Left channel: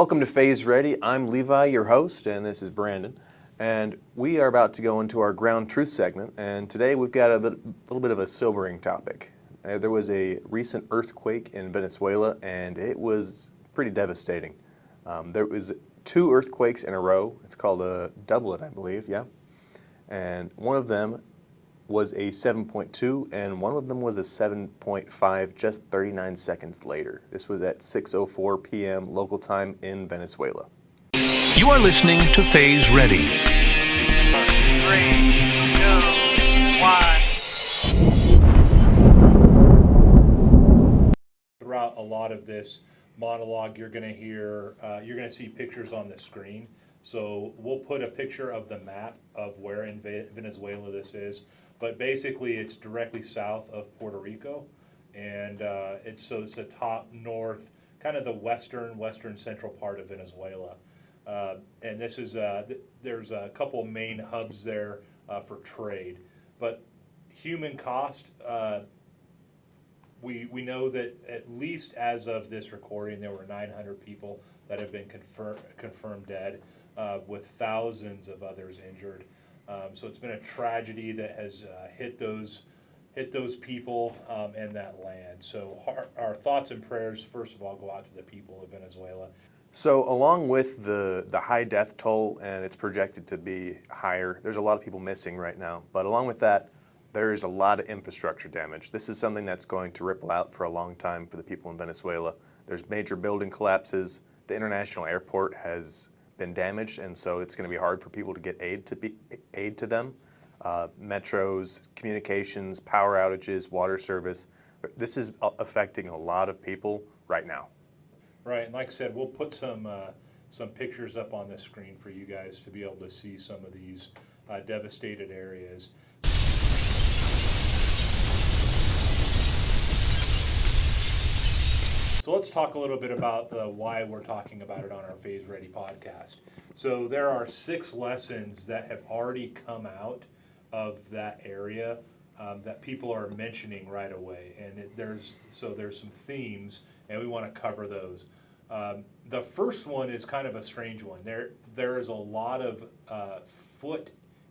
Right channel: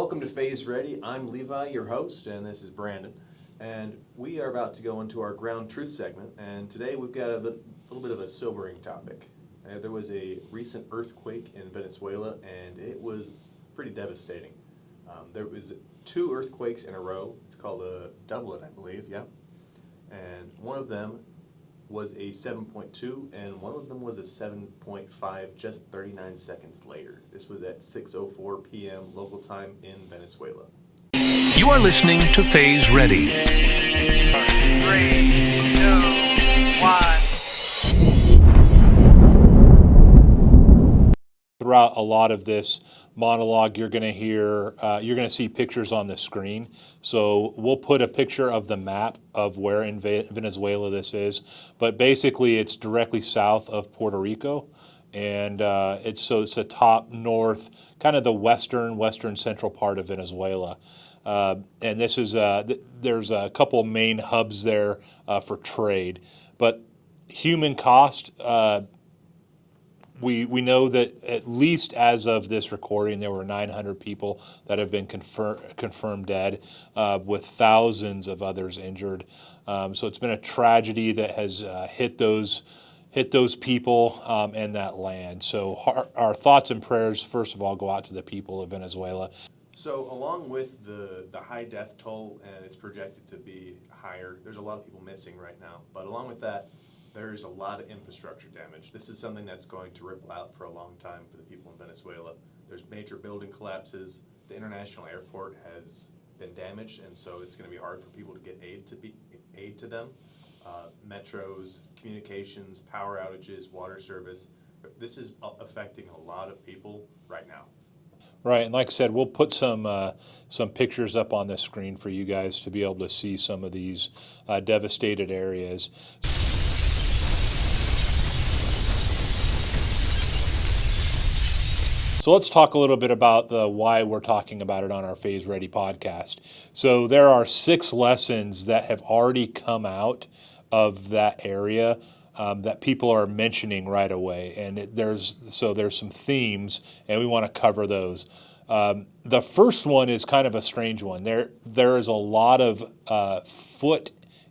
Welcome to Phase Ready. I'm Levi, your host, and this is Brandon. And we are about to go into our ground truth segment. And today we've got a little bit of a sobering topic. There was a recent earthquake in Venezuela, and it was pretty devastating. There was 2 earthquakes in a row. It's called a doublet, I believe, yeah. And one of them was a 7.2, and one of them was a 7.5 just 39 seconds later. This was at 6:04 p.m. local time in Venezuela. You are listening to Phase Ready. 3, 2, 1. Throughout a lot of this monologue, you're going to see pictures on the screen. So we'll put a picture of the map of where in Venezuela this is, but basically it's directly south of Puerto Rico, and it's the top north, kind of the western central part of Venezuela. And this is there's a couple main hubs there for trade, but human cost. We know that at least as of this recording, there were 900 people that have been confirmed dead, with thousands of others injured. So it's been a tragedy that has hit those people and that land. So our thoughts and prayers, first of all, go out to the people of Venezuela. So along with the high death toll, and it's projected to be higher, there's a lot of people missing right now. But along with that, there is a lot of infrastructure damage. This is something that's going to ripple out for a long time for the people in Venezuela. There's major building collapses. The international airport has been damaged, and so it's going to be hard for people to get aid to them. Metros, communications, power outages, water service. This is affecting a lot of people right now. Right, and like I said, we'll put some pictures up on the screen for you guys to be able to see some of these devastated areas. So let's talk a little bit about why we're talking about it on our Phase Ready podcast. So there are 6 lessons that have already come out of that area that people are mentioning right away, and there's some themes, and we want to cover those. The first one is kind of a strange one. There is a lot of foot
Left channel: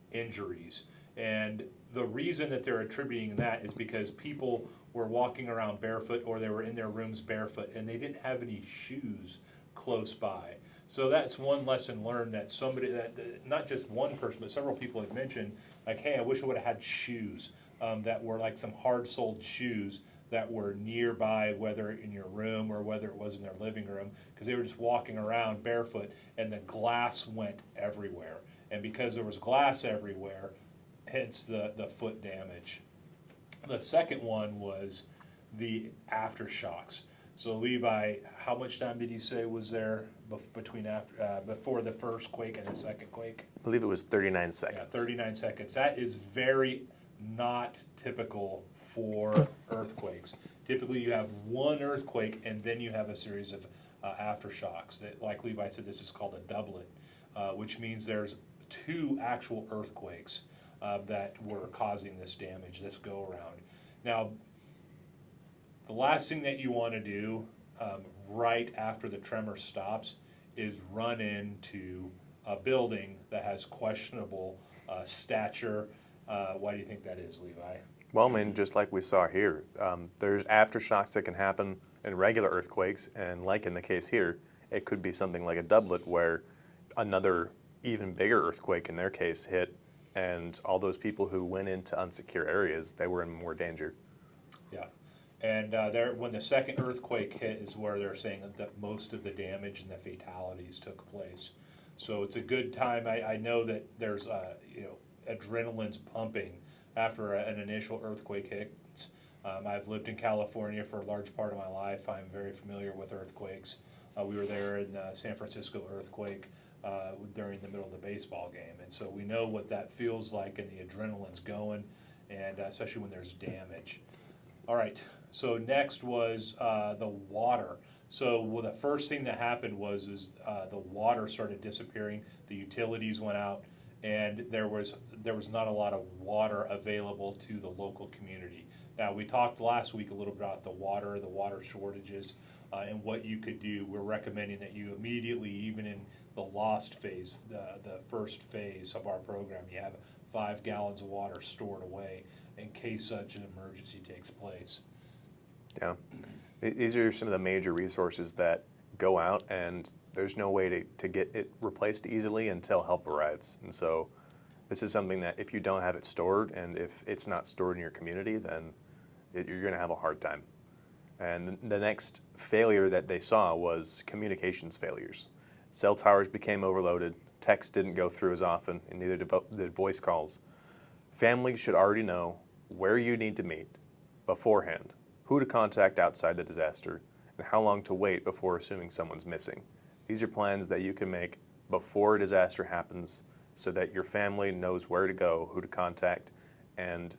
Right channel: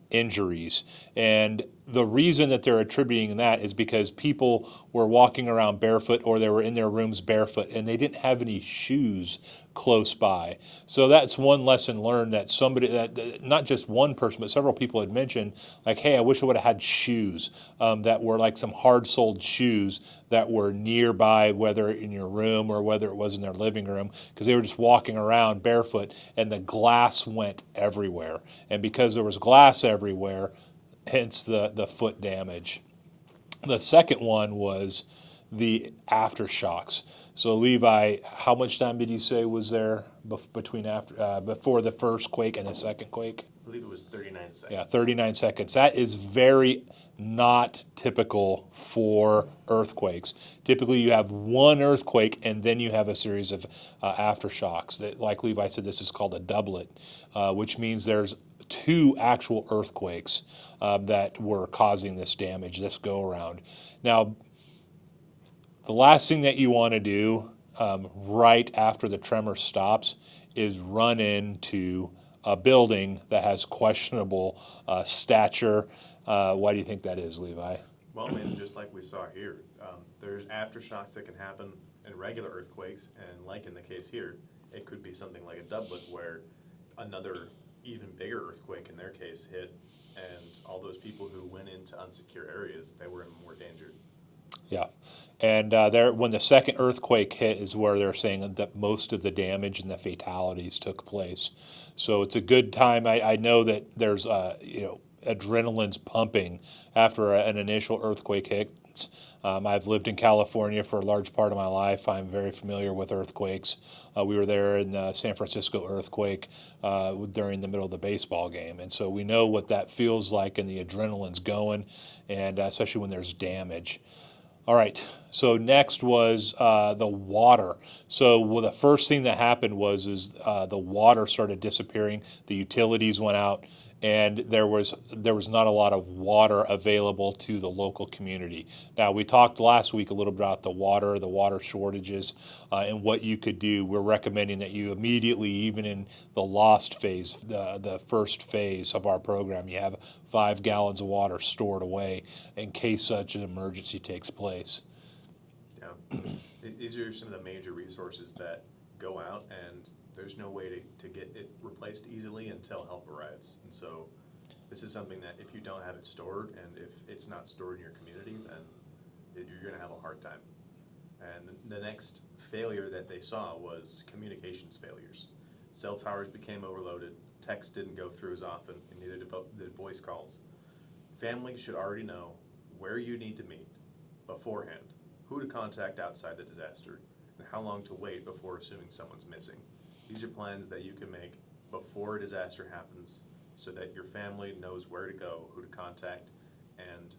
injuries, and the reason that they're attributing that is because people were walking around barefoot, or they were in their rooms barefoot, and they didn't have any shoes close by. So that's one lesson learned, that not just one person, but several people had mentioned, like, hey, I wish I would have had shoes that were like some hard-soled shoes that were nearby, whether in your room or whether it was in their living room, because they were just walking around barefoot, and the glass went everywhere. And because there was glass everywhere, hence the foot damage. The second one was the aftershocks. So Levi, how much time did you say was there before the first quake and the second quake? I believe it was 39 seconds. Yeah, 39 seconds. That is very not typical for earthquakes. Typically you have one earthquake and then you have a series of aftershocks. That, like Levi said, this is called a doublet, which means there's 2 actual earthquakes that were causing this damage, this go around. Now, the last thing that you want to do right after the tremor stops is run into a building that has questionable stature. Why do you think that is, Levi? Well, I mean, just like we saw here, there's aftershocks that can happen in regular earthquakes, and like in the case here, it could be something like a doublet where another even bigger earthquake in their case hit, and all those people who went into unsecure areas, they were in more danger. Yeah. And when the second earthquake hit is where they're saying that most of the damage and the fatalities took place. So it's a good time. I know that there's adrenaline's pumping after an initial earthquake hits. I've lived in California for a large part of my life. I'm very familiar with earthquakes. We were there in the San Francisco earthquake during the middle of the baseball game. And so we know what that feels like, and the adrenaline's going, and especially when there's damage. All right, so next was the water. So the first thing that happened was the water started disappearing. The utilities went out, and there was not a lot of water available to the local community. Now, we talked last week a little bit about the water shortages, and what you could do. We're recommending that you immediately, even in the lost phase, the first phase of our program, you have 5 gallons of water stored away in case such an emergency takes place. Yeah. These are some of the major resources that go out, and there's no way to get it replaced easily until help arrives. And so this is something that if you don't have it stored, and if it's not stored in your community, then you're going to have a hard time. And the next failure that they saw was communications failures. Cell towers became overloaded, text didn't go through as often, and neither did voice calls. Families should already know where you need to meet beforehand, who to contact outside the disaster, and how long to wait before assuming someone's missing. These are plans that you can make before a disaster happens so that your family knows where to go, who to contact, and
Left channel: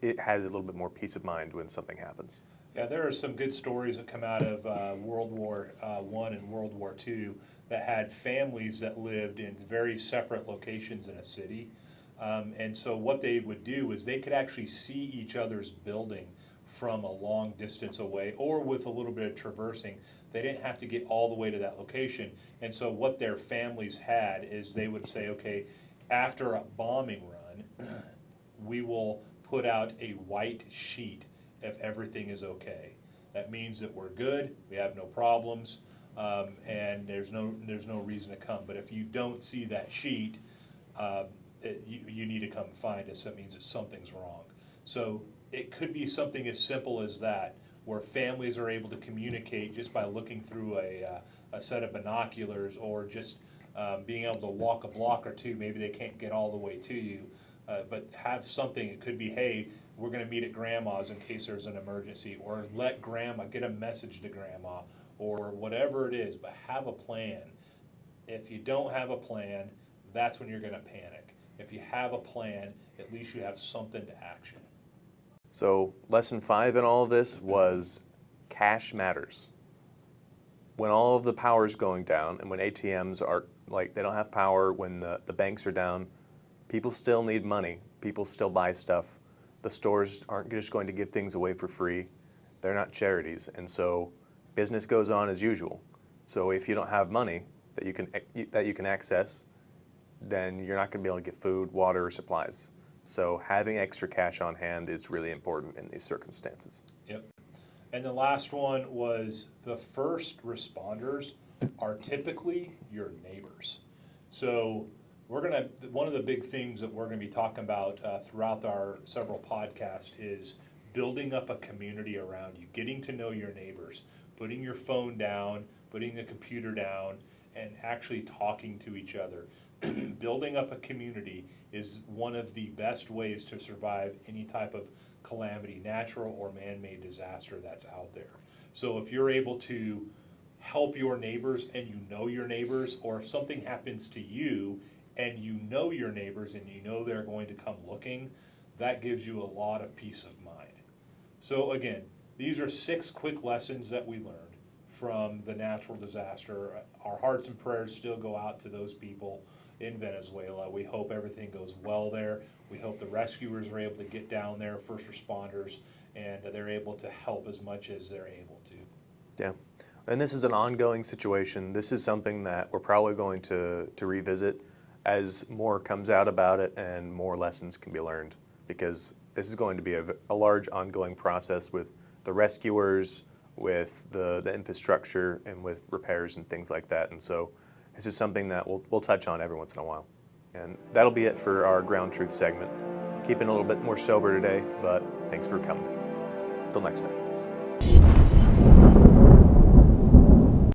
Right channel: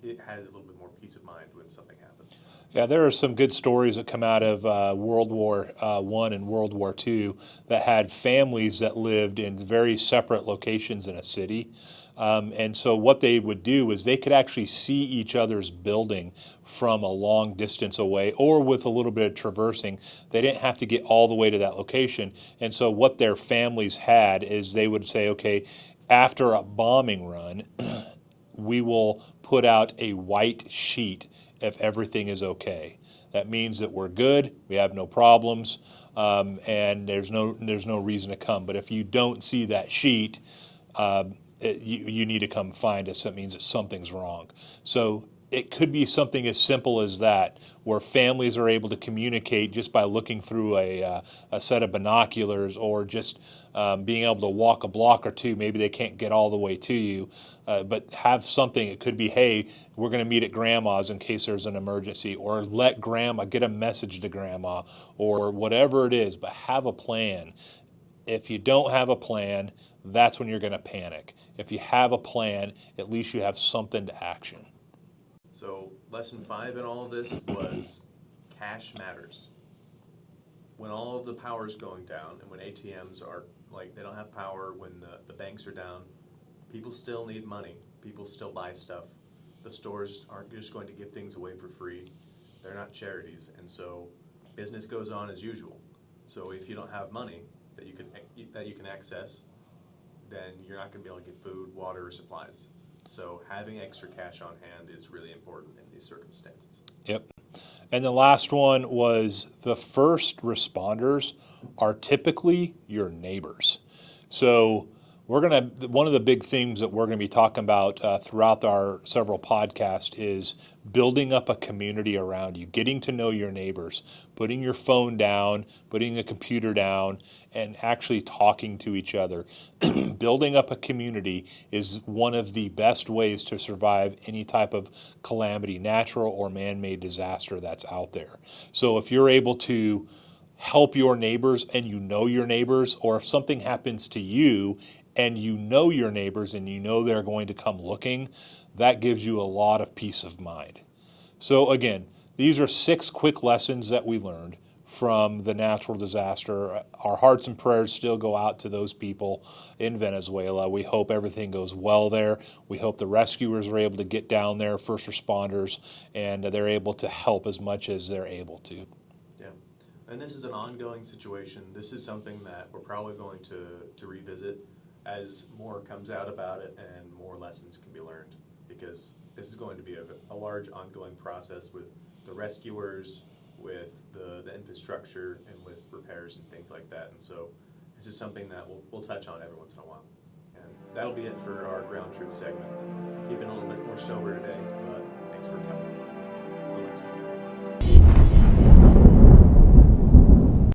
it has a little bit more peace of mind when something happens. Yeah, there are some good stories that come out of World War I and World War II that had families that lived in very separate locations in a city. And so what they would do is they could actually see each other's building from a long distance away, or with a little bit of traversing. They didn't have to get all the way to that location. And so what their families had is they would say, okay, after a bombing run, we will put out a white sheet if everything is okay. That means that we're good, we have no problems, and there's no reason to come. But if you don't see that sheet, you need to come find us. That means that something's wrong. So it could be something as simple as that, where families are able to communicate just by looking through a set of binoculars, or just being able to walk a block or two. Maybe they can't get all the way to you, but have something. It could be, hey, we're going to meet at grandma's in case there's an emergency, or let grandma get a message to grandma, or whatever it is, but have a plan. If you don't have a plan, that's when you're going to panic. If you have a plan, at least you have something to action. So lesson 5 in all of this was cash matters. When all of the power is going down, and when ATMs are they don't have power, when the banks are down, people still need money. People still buy stuff. The stores aren't just going to give things away for free. They're not charities. And so business goes on as usual. So if you don't have money that you can access, then you're not going to be able to get food, water, or supplies. So having extra cash on hand is really important in these circumstances. Yep. And the last one was the first responders are typically your neighbors. So one of the big themes that we're gonna be talking about throughout our several podcasts is building up a community around you, getting to know your neighbors, putting your phone down, putting the computer down, and actually talking to each other. Building up a community is one of the best ways to survive any type of calamity, natural or man-made disaster that's out there. So if you're able to help your neighbors, and you know your neighbors, or if something happens to you and you know your neighbors and you know they're going to come looking, that gives you a lot of peace of mind. So again, these are 6 quick lessons that we learned from the natural disaster. Our hearts and prayers still go out to those people in Venezuela. We hope everything goes well there. We hope the rescuers are able to get down there, first responders, and they're able to help as much as they're able to. Yeah. And this is an ongoing situation. This is something that we're probably going to revisit as more comes out about it and more lessons can be learned, because this is going to be a large ongoing process with the rescuers, with the infrastructure, and with repairs and things like that. And so this is something that we'll touch on every once in a while. And that'll be it for our Ground Truth segment. Keeping a little bit more sober today, but thanks for coming. Till next time.